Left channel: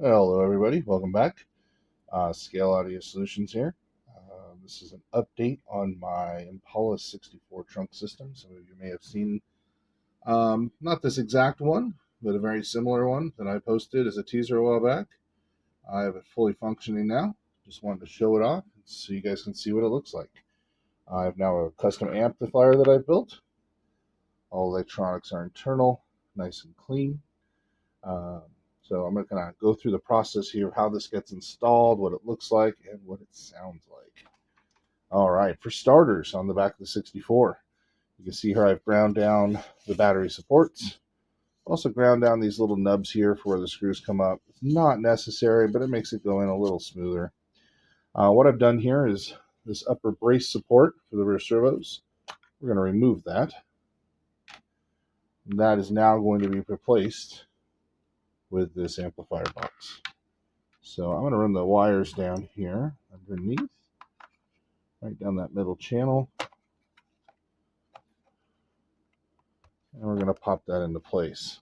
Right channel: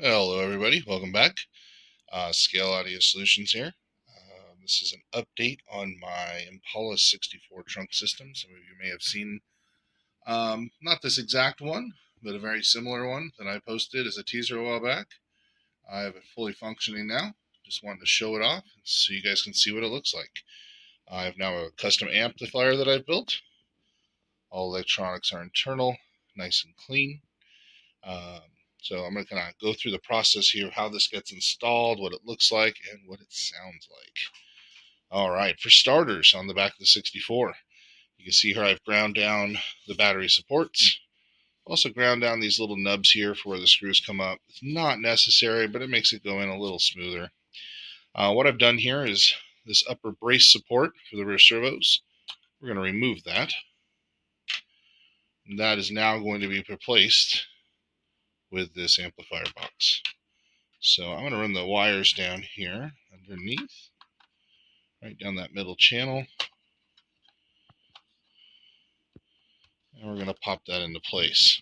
Hello everybody, welcome back. Scale Audio Solutions here. This is an update on my Impala 64 trunk system. Some of you may have seen, not this exact one, but a very similar one that I posted as a teaser a while back. I have it fully functioning now. Just wanted to show it off so you guys can see what it looks like. I have now a custom amplifier that I've built. All electronics are internal, nice and clean. So I'm going to kind of go through the process here of how this gets installed, what it looks like, and what it sounds like. All right, for starters, on the back of the 64, you can see here I've ground down the battery supports. Also ground down these little nubs here for where the screws come up. It's not necessary, but it makes it go in a little smoother. What I've done here is this upper brace support for the rear servos. We're going to remove that. And that is now going to be replaced with this amplifier box. So I'm going to run the wires down here underneath, right down that middle channel. And we're going to pop that into place.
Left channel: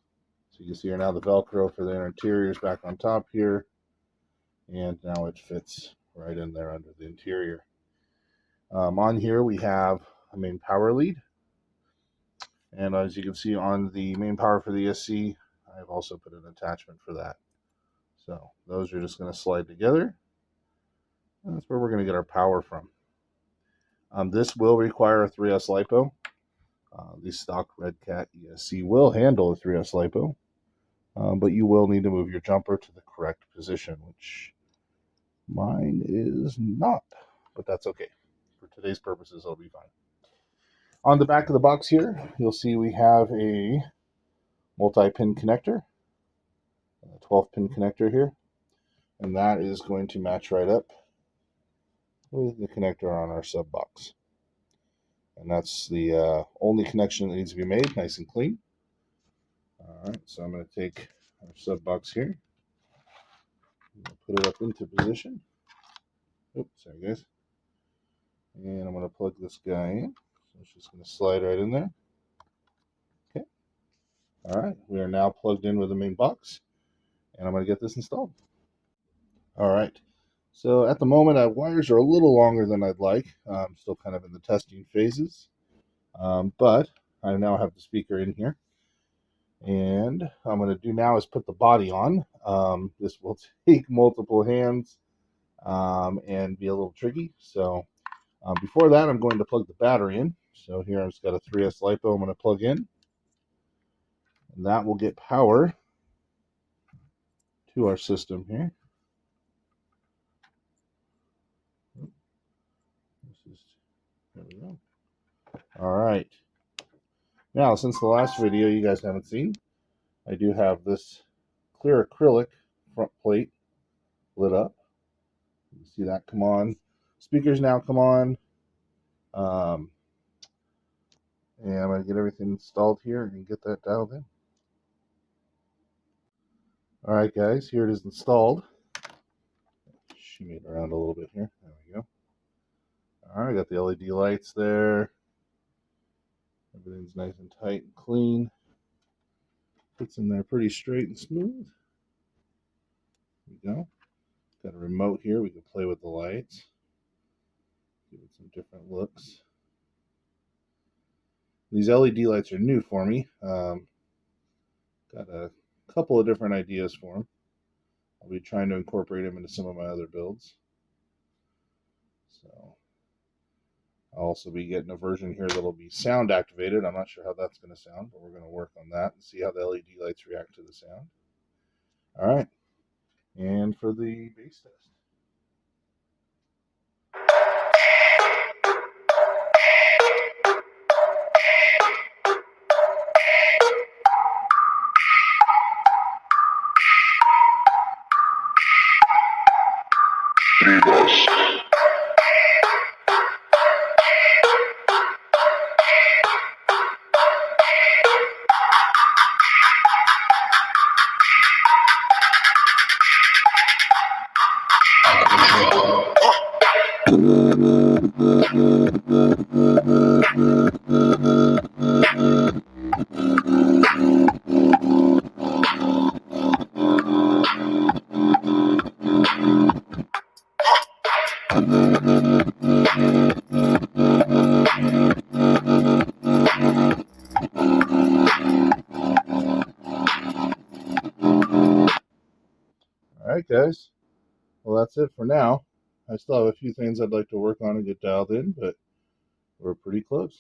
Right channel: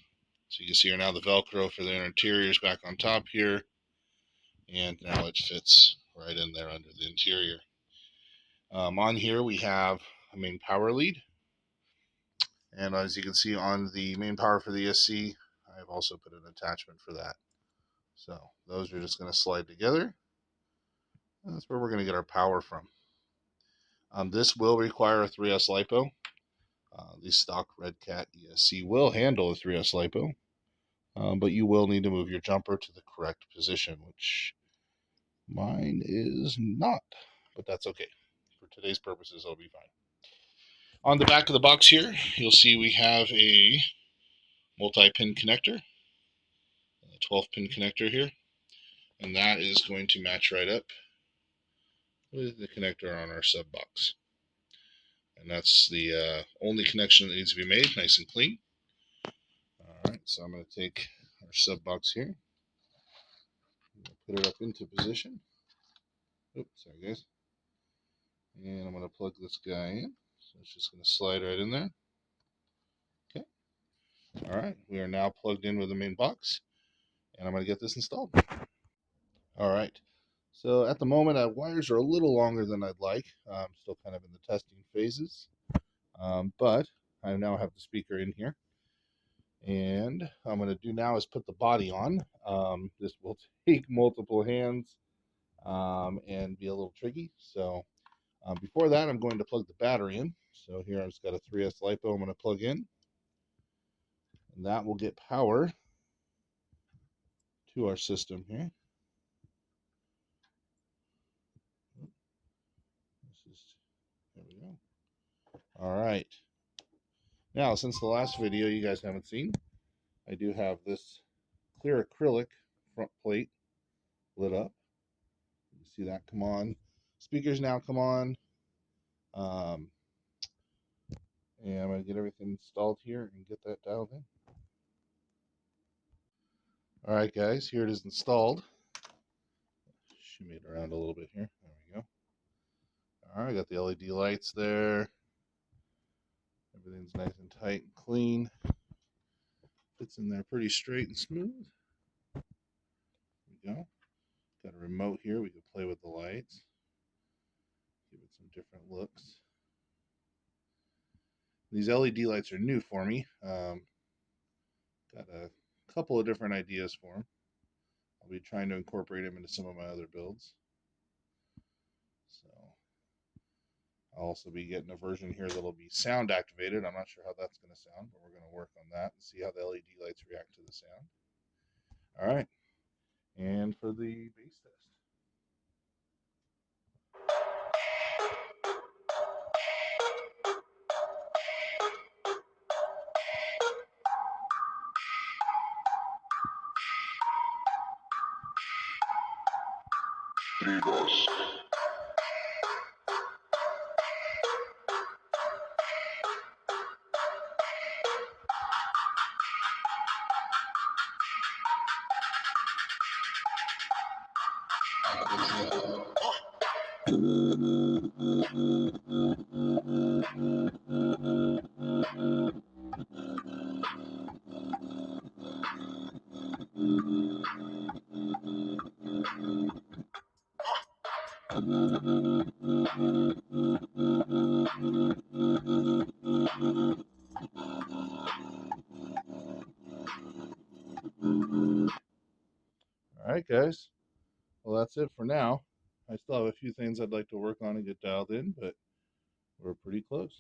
So you can see here now the Velcro for the interior is back on top here. And now it fits right in there under the interior. On here we have a main power lead. And as you can see on the main power for the SC, I've also put an attachment for that. So those are just going to slide together. And that's where we're going to get our power from. This will require a 3S LiPo. The stock Redcat ESC will handle a 3S LiPo, but you will need to move your jumper to the correct position, which mine is not, but that's okay. For today's purposes, it'll be fine. On the back of the box here, you'll see we have a multi-pin connector, a 12-pin connector here, and that is going to match right up with the connector on our Subbox. And that's the only connection that needs to be made, nice and clean. All right, so I'm going to take our Subbox here, put it up into position. Oops, sorry guys. And I'm going to plug this guy in. So it's just going to slide right in there. Okay. All right, we are now plugged in with the main box, and I'm going to get this installed. All right. So at the moment, our wires are a little longer than I'd like. I'm still kind of in the testing phases, but I now have the speaker in here. And what I'm going to do now is put the body on. This will take multiple hands and be a little tricky. So before that, I'm going to plug the battery in. So here I've got a 3S LiPo I'm going to plug in. And that will get power to our system here. There we go. All right. Now, since the last video you guys haven't seen, I do have this clear acrylic front plate lit up. You can see that come on. Speakers now come on. And I'm going to get everything installed here and get that dialed in. All right, guys, here it is installed. Shimmy it around a little bit here. There we go. All right, got the LED lights there. Everything's nice and tight and clean. Fits in there pretty straight and smooth. There we go. Got a remote here. We can play with the lights. Give it some different looks. These LED lights are new for me. Got a couple of different ideas for them. I'll be trying to incorporate them into some of my other builds. So I'll also be getting a version here that'll be sound activated. I'm not sure how that's going to sound, but we're going to work on that and see how the LED lights react to the sound. All right. And for the bass test. right, guys. Well, that's it for now. I still have a few things I'd like to work on and get dialed in, but we're pretty close.